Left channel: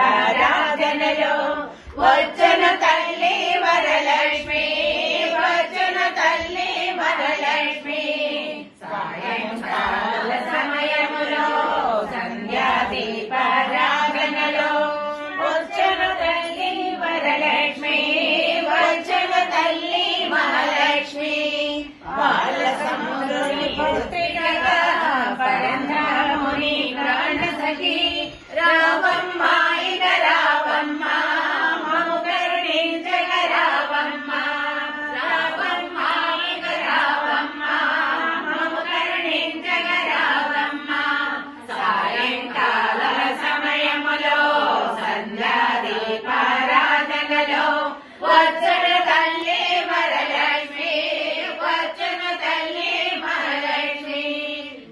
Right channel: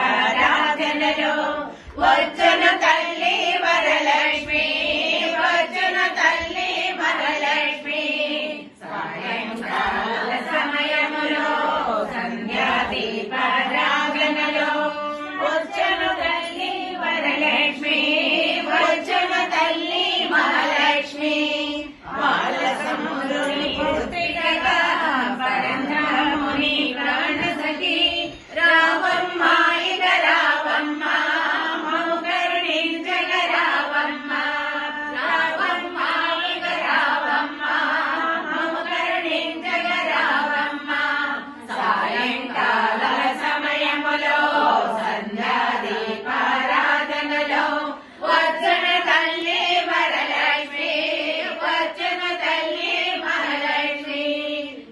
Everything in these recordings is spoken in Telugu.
సంధ్యాదీపారాధనలో వచ్చును తల్లి వరలక్ష్మి, వచ్చును తల్లి వరలక్ష్మి. సాయంకాల సమయములో సంధ్యాదీపారాధనలో వచ్చును తల్లి వరలక్ష్మి, వచ్చును తల్లి మహాలక్ష్మి. బాల సముద్రుని పుత్రికగా పరంధాముని ప్రాణ సఖి రావమ్మ, ఇక రావమ్మ, మము కరుణించగ రావమ్మ, రావమ్మ, ఇక రావమ్మ, మము కరుణించగ రావమ్మ. సాయంకాల సమయములో సంధ్యాదీపారాధనలో వచ్చును తల్లి వరలక్ష్మి, వచ్చును తల్లి మహాలక్ష్మి.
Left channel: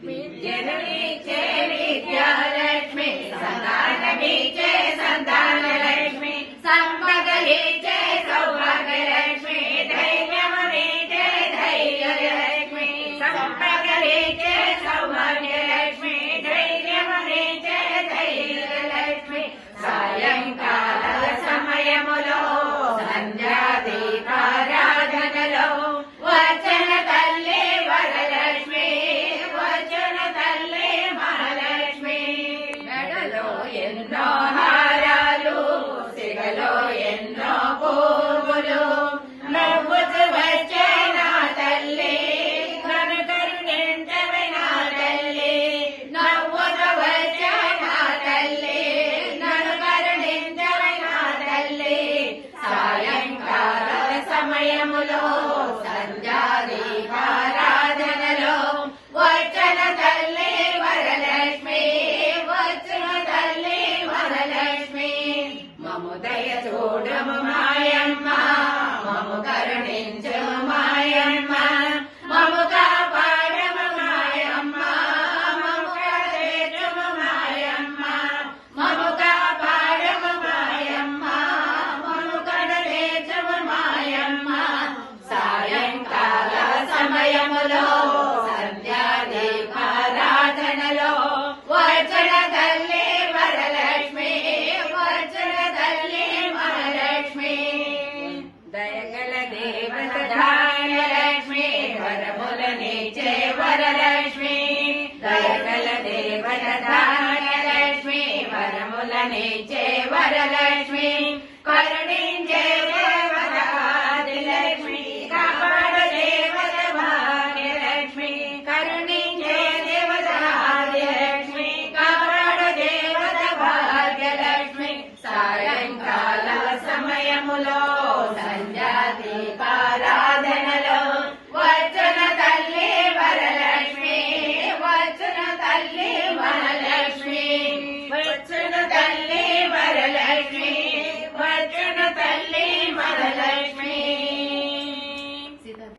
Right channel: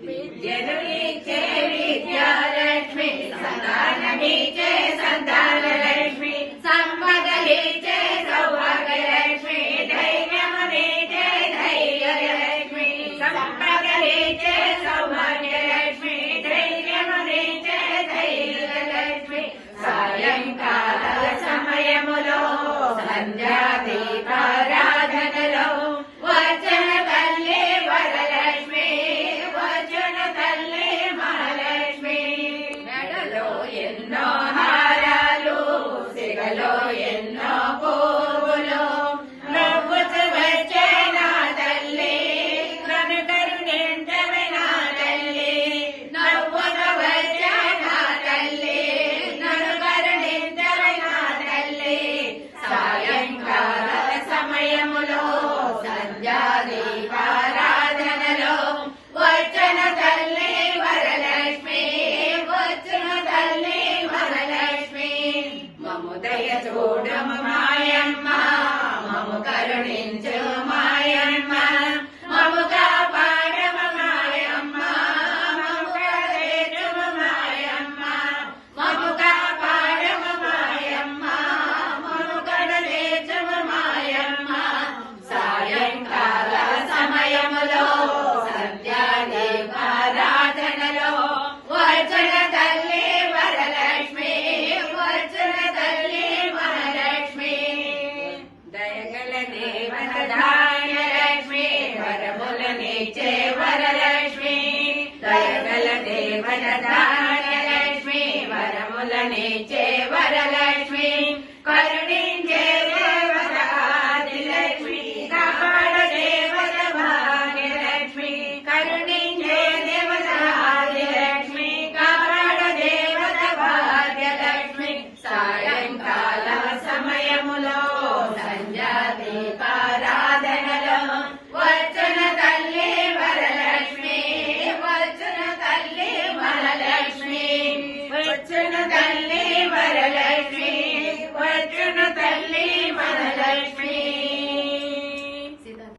విద్యనులిచ్చే విద్యాలక్ష్మి, సంతానమిచ్చే సంతానలక్ష్మి, సంపదలిచ్చే సౌభాగ్యలక్ష్మి, ధైర్యమునిచ్చే ధైర్యలక్ష్మి, సంపదలిచ్చే సౌభాగ్యలక్ష్మి, ధైర్యమునిచ్చే ధైర్యలక్ష్మి. సాయంకాల సమయములో సంధ్యాదీపారాధనలో వచ్చును తల్లి వరలక్ష్మి, వచ్చును తల్లి మహాలక్ష్మి. మెడలో ఎన్నో హారాలు, సిగలో ఎన్నో పువ్వులు, నవ్వుతూ వచ్చే నా తల్లి, నన్ను కరుణించవే నా తల్లి, నవ్వుతూ వచ్చే నా తల్లి, నన్ను కరుణించవే నా తల్లి. సాయంకాల సమయములో సంధ్యాదీపారాధనలో వచ్చును తల్లి వరలక్ష్మి, వచ్చును తల్లి వరలక్ష్మి. మము దయ చూడము మాయమ్మ, మము కరుణించు మాయమ్మ, మము కాపాడము మాయమ్మ, మము కరుణించు మాయమ్మ, మము కాపాడము మాయమ్మ, మము కరుణించు మాయమ్మ. సాయంకాల సమయములో సంధ్యాదీపారాధనలో వచ్చును తల్లి వరలక్ష్మి, వచ్చును తల్లి మహాలక్ష్మి. దయగల దేవత ధాన్యలక్ష్మి, వరములనిచ్చే వరలక్ష్మి, దయగల దేవత ధాన్యలక్ష్మి, వరములనిచ్చే వరలక్ష్మి. కరుణించ